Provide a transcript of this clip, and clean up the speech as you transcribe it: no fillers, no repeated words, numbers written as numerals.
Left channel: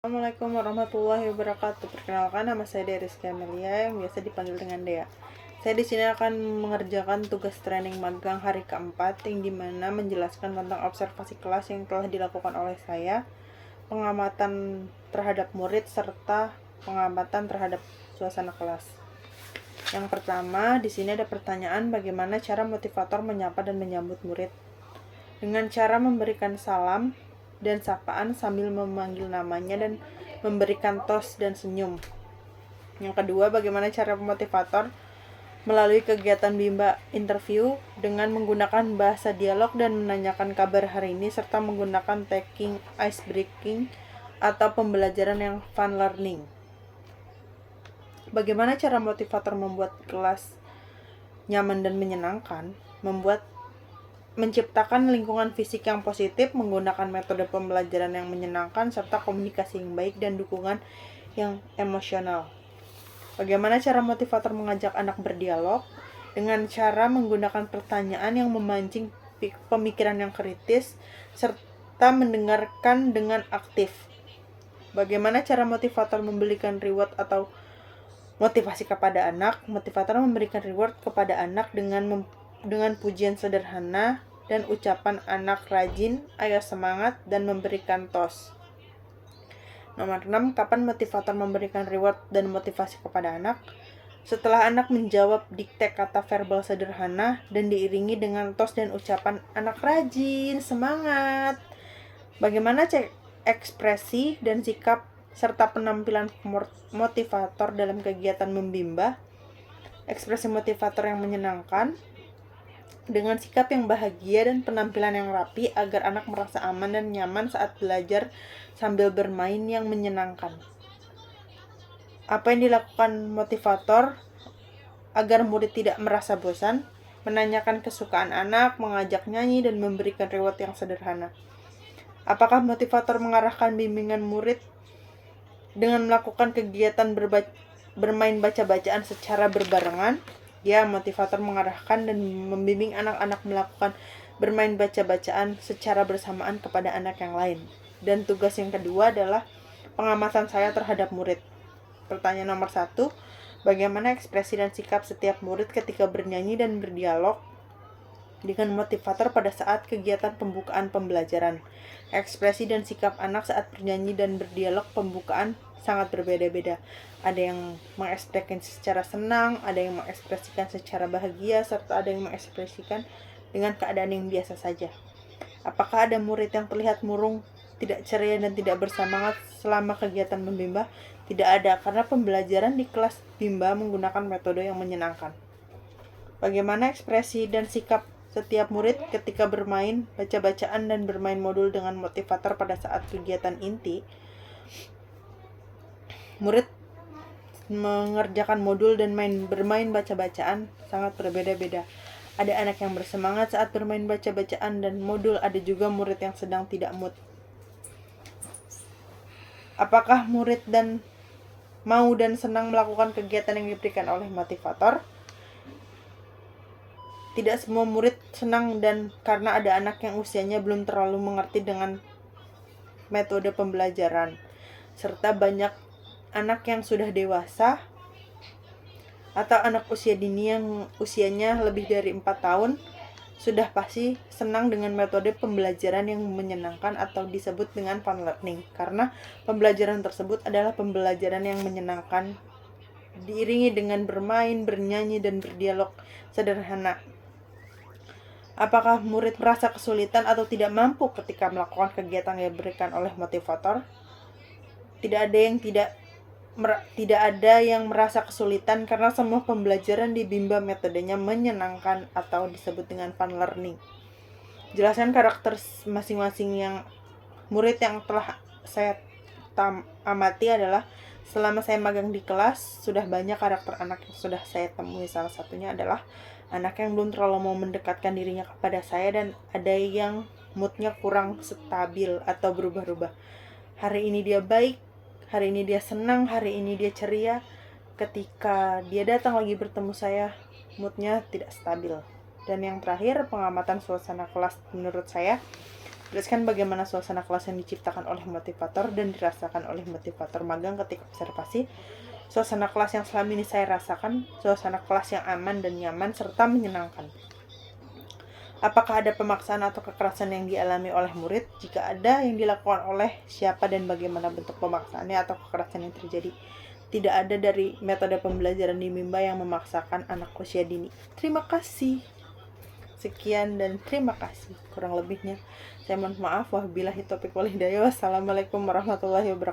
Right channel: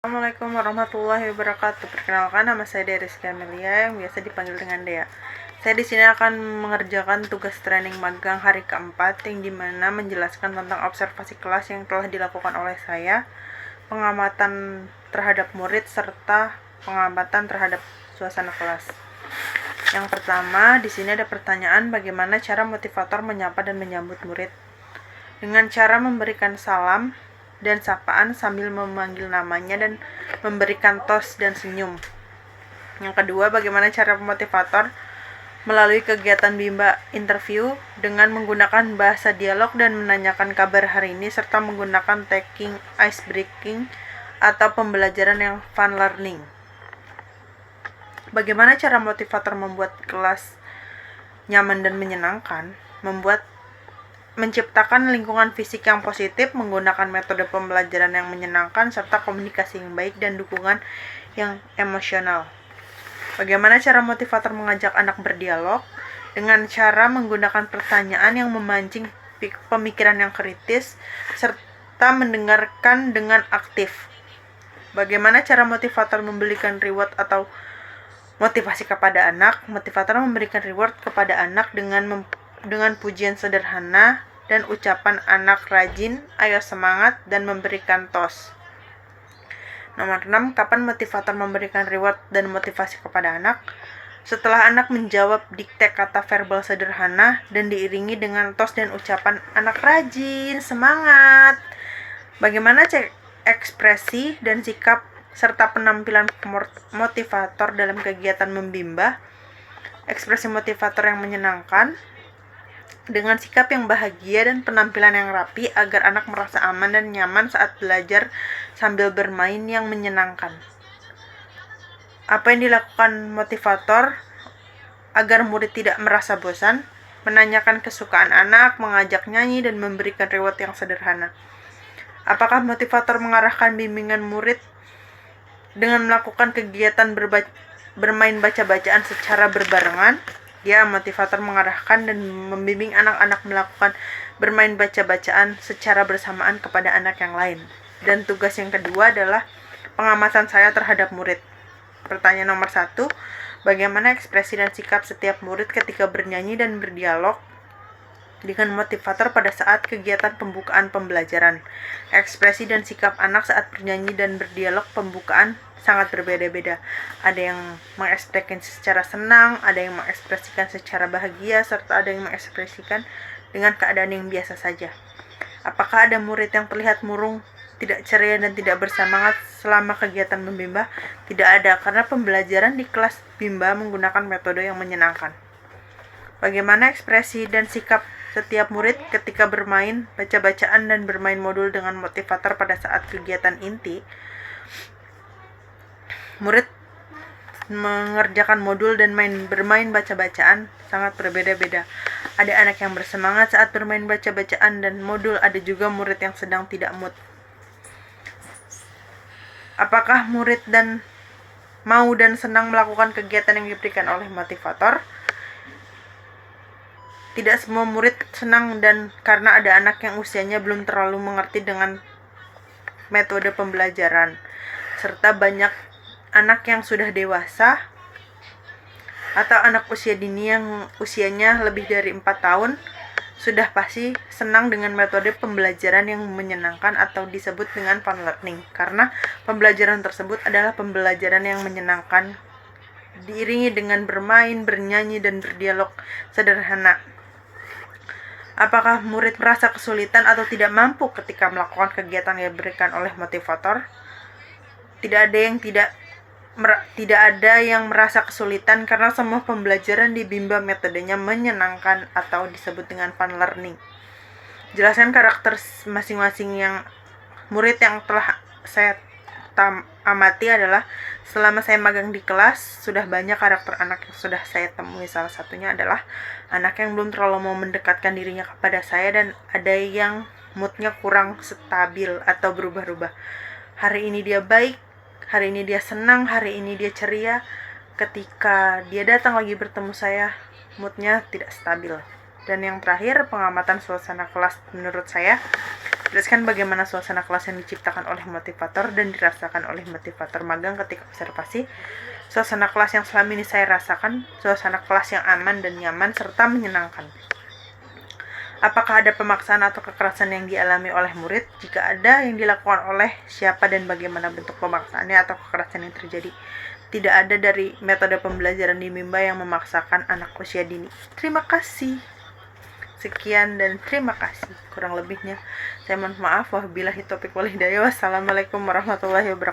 Assalamualaikum warahmatullahi wabarakatuh. Perkenalkan, nama saya Rizky Amelia yang biasa dipanggil dengan Dea. Saya di sini akan mengerjakan tugas training magang hari keempat yang dimana menjelaskan tentang observasi kelas yang telah dilakukan oleh saya, pengamatan terhadap murid serta pengamatan terhadap suasana kelas. Yang pertama, di sini ada pertanyaan bagaimana cara motivator menyapa dan menyambut murid. Dengan cara memberikan salam dan sapaan sambil memanggil namanya dan memberikan tos dan senyum. Yang kedua, bagaimana cara motivator melalui kegiatan bimba interview dengan menggunakan bahasa dialog dan menanyakan kabar hari ini serta menggunakan taking ice breaking atau pembelajaran yang fun learning. Bagaimana cara motivator membuat kelas nyaman dan menyenangkan? Menciptakan lingkungan fisik yang positif, menggunakan metode pembelajaran yang menyenangkan, serta komunikasi yang baik dan dukungan yang emosional. Bagaimana cara motivator mengajak anak berdialog? Dengan cara menggunakan pertanyaan yang memancing pemikiran yang kritis, serta mendengarkan dengan aktif. Bagaimana cara motivator memberikan reward atau motivasi kepada anak? Motivator memberikan reward kepada anak dengan pujian sederhana dan ucapan anak rajin, ayo semangat, dan memberikan tos. Nomor 6, kapan motivator memberikan reward dan motivasi kepada anak? Setelah anak menjawab dikte kata verbal sederhana dan diiringi dengan tos dan ucapan anak rajin, semangat. Bagaimana cek ekspresi dan sikap serta penampilan motivator dalam kegiatan membimba? Ekspresi motivator yang menyenangkan dengan sikap yang bahagia dan penampilan yang rapi agar anak merasa aman dan nyaman saat belajar sambil bermain yang menyenangkan. Apa yang dilakukan motivator agar murid tidak merasa bosan? Menanyakan kesukaan anak, mengajak nyanyi, dan memberikan reward yang sederhana. Apakah motivator mengarahkan bimbingan murid dengan melakukan kegiatan bermain baca-bacaan secara berbarengan? Ya, motivator mengarahkan dan membimbing anak-anak melakukan bermain baca-bacaan secara bersamaan kepada anak yang lain. Dan tugas yang kedua adalah pengamatan saya terhadap murid. Pertanyaan nomor 1, bagaimana ekspresi dan sikap setiap murid ketika bernyanyi dan berdialog dengan motivator pada saat kegiatan pembukaan pembelajaran? Ekspresi dan sikap anak saat bernyanyi dan berdialog pembukaan sangat berbeda-beda. Ada yang mengekspresikan secara senang, ada yang mengekspresikan secara bahagia, serta ada yang mengekspresikan dengan keadaan yang biasa saja. Apakah ada murid yang terlihat murung, tidak ceria, dan tidak bersemangat selama kegiatan membimba? Tidak ada, karena pembelajaran di kelas bimba menggunakan metode yang menyenangkan. Bagaimana ekspresi dan sikap setiap murid ketika bermain baca-bacaan dan bermain modul dengan motivator pada saat kegiatan inti? Murid mengerjakan modul dan bermain baca-bacaan sangat berbeda-beda. Ada anak yang bersemangat saat bermain baca-bacaan dan modul, ada juga murid yang sedang tidak mood. Apakah murid mau dan senang melakukan kegiatan yang diberikan oleh motivator? Tidak semua murid senang dan karena ada anak yang usianya belum terlalu mengerti dengan metode pembelajaran, serta banyak anak yang sudah dewasa atau anak usia dini yang usianya lebih dari 4 tahun sudah pasti senang dengan metode pembelajaran yang menyenangkan atau disebut dengan fun learning, karena pembelajaran tersebut adalah pembelajaran yang menyenangkan diiringi dengan bermain, bernyanyi, dan berdialog sederhana. Apakah murid merasa kesulitan atau tidak mampu ketika melakukan kegiatan yang diberikan oleh motivator? Tidak ada yang merasa kesulitan karena semua pembelajaran di bimba metodenya menyenangkan atau disebut dengan fun learning. Jelaskan karakter masing-masing yang murid yang telah saya amati adalah selama saya magang di kelas, sudah banyak karakter anak yang sudah saya temui. Salah satunya adalah anak yang belum terlalu mau mendekatkan dirinya kepada saya, dan ada yang moodnya kurang stabil atau berubah-ubah. Hari ini dia baik, hari ini dia senang, hari ini dia ceria. Ketika dia datang lagi bertemu saya, moodnya tidak stabil. Dan yang terakhir, pengamatan suasana kelas menurut saya Jelaskan bagaimana suasana kelas yang diciptakan oleh motivator dan dirasakan oleh motivator magang ketika observasi. Suasana kelas yang selama ini saya rasakan, suasana kelas yang aman dan nyaman serta menyenangkan. Apakah ada pemaksaan atau kekerasan yang dialami oleh murid? Jika ada, yang dilakukan oleh siapa dan bagaimana bentuk pemaksaannya atau kekerasan yang terjadi? Tidak ada dari metode pembelajaran di Mimba yang memaksakan anak usia dini. Terima kasih. Sekian dan terima kasih. Kurang lebihnya saya mohon maaf. Wabillahi taufiq wal hidayah. Wassalamualaikum warahmatullahi wabarakatuh.